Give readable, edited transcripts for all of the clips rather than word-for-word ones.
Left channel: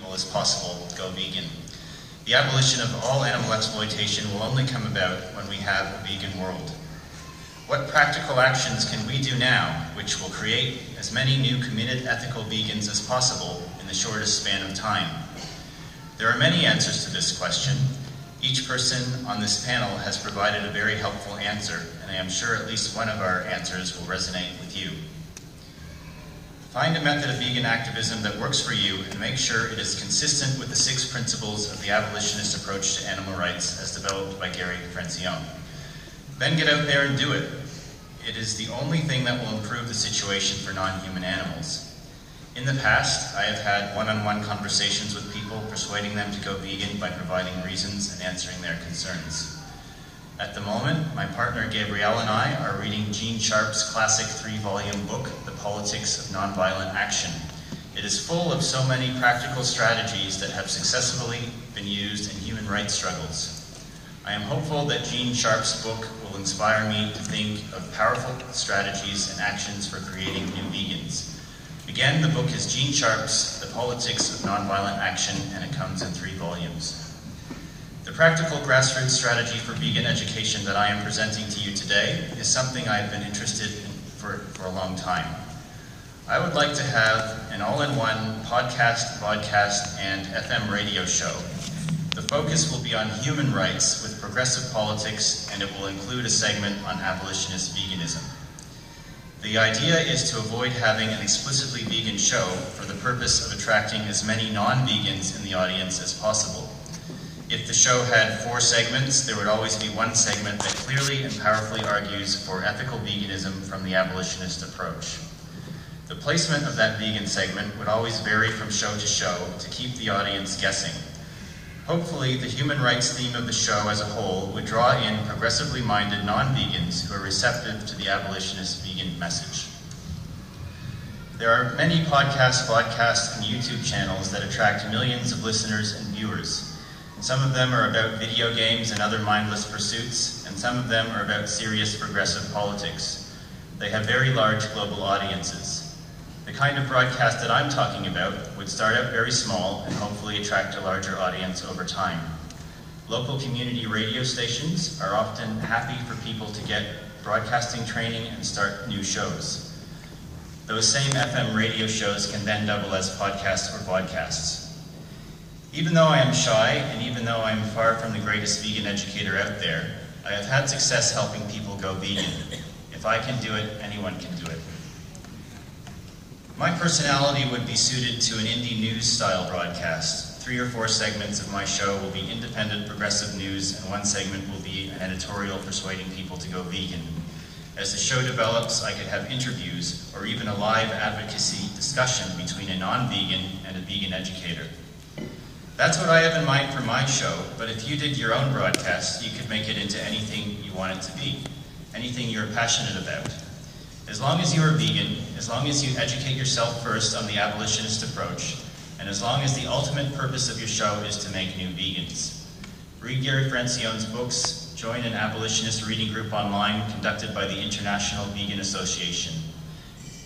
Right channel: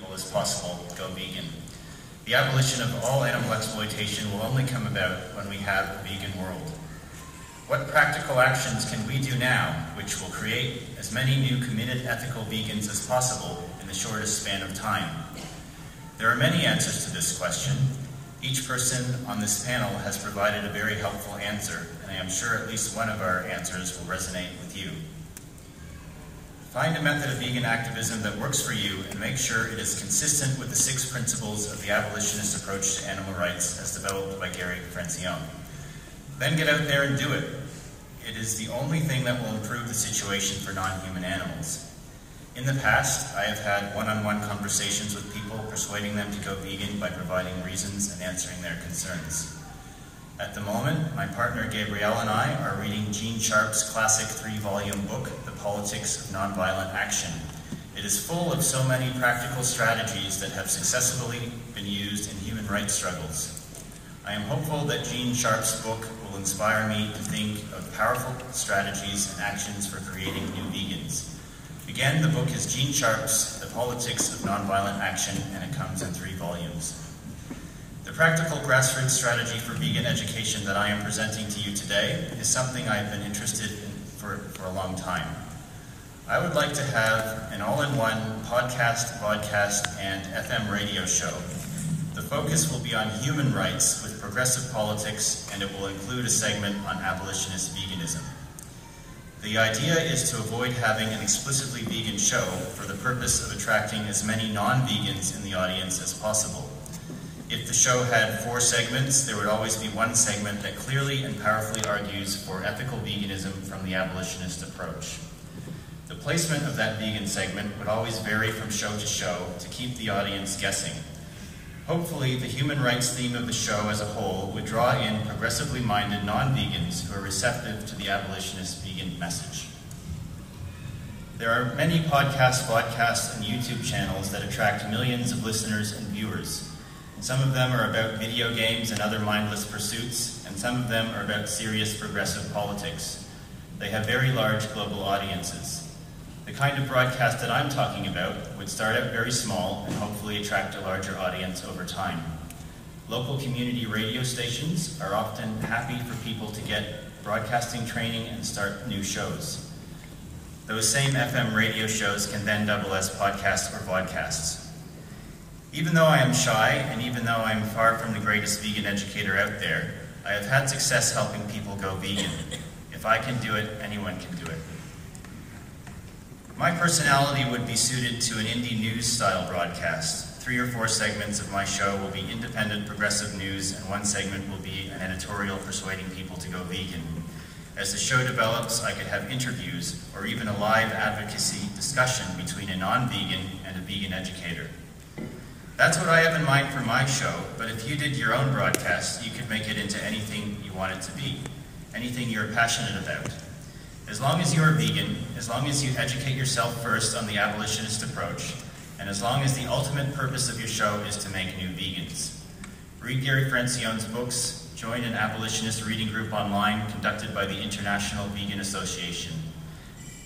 people as possible go vegan. The abolition of all animal exploitation will only come about when we have a vegan world. What practical actions can we do now which will create as many new committed ethical vegans as possible in the shortest span of time? There are many answers to this question. Each person on this panel has provided a very helpful answer, and I am sure at least one of our answers will resonate with you. Find a method of vegan activism that works for you and make sure it is consistent with the 6 principles of the abolitionist approach to animal rights as developed by Gary Francione. Then get out there and do it. It is the only thing that will improve the situation for non-human animals. In the past, I have had one-on-one conversations with people, persuading them to go vegan by providing reasons and answering their concerns. At the moment, my partner Gabrielle and I are reading Gene Sharp's classic 3-volume book, The Politics of Nonviolent Action. It is full of so many practical strategies that have successfully been used in human rights struggles. I am hopeful that Gene Sharp's book will inspire me to think of powerful strategies and actions for creating new vegans. Again, the book is Gene Sharp's The Politics of Nonviolent Action, and it comes in 3 volumes. The practical grassroots strategy for vegan education that I am presenting to you today is something I've been interested in for a long time. I would like to have an all-in-one podcast, vodcast, and FM radio show. The focus will be on human rights with progressive politics, and it will include a segment on abolitionist veganism. The idea is to avoid having an explicitly vegan show for the purpose of attracting as many non-vegans in the audience as possible. If the show had 4 segments, there would always be one segment that clearly and powerfully argues for ethical veganism from the abolitionist approach. The placement of that vegan segment would always vary from show to show to keep the audience guessing. Hopefully, the human rights theme of the show as a whole would draw in progressively minded non-vegans who are receptive to the abolitionist vegan message. There are many podcasts, podcasts, and YouTube channels that attract millions of listeners and viewers. Some of them are about video games and other mindless pursuits, and some of them are about serious progressive politics. They have very large global audiences. The kind of broadcast that I'm talking about would start out very small and hopefully attract a larger audience over time. Local community radio stations are often happy for people to get broadcasting training and start new shows. Those same FM radio shows can then double as podcasts or vodcasts. Even though I am shy, and even though I am far from the greatest vegan educator out there, I have had success helping people go vegan. If I can do it, anyone can do it. My personality would be suited to an indie news-style broadcast. 3 or 4 segments of my show will be independent progressive news, and 1 segment will be an editorial persuading people to go vegan. As the show develops, I could have interviews, or even a live advocacy discussion between a non-vegan and a vegan educator. That's what I have in mind for my show, but if you did your own broadcast, you could make it into anything you want it to be, anything you're passionate about. As long as you are vegan, as long as you educate yourself first on the abolitionist approach, and as long as the ultimate purpose of your show is to make new vegans. Read Gary Francione's books, join an abolitionist reading group online conducted by the International Vegan Association.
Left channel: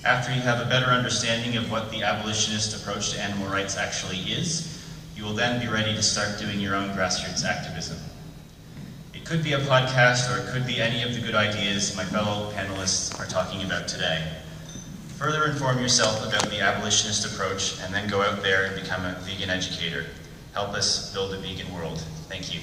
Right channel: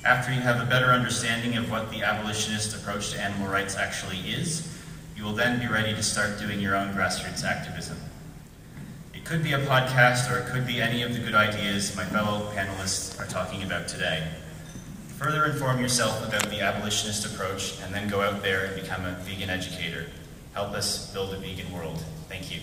After you have a better understanding of what the abolitionist approach to animal rights actually is, you will then be ready to start doing your own grassroots activism. It could be a podcast, or it could be any of the good ideas my fellow panelists are talking about today. Further inform yourself about the abolitionist approach, and then go out there and become a vegan educator. Help us build a vegan world. Thank you.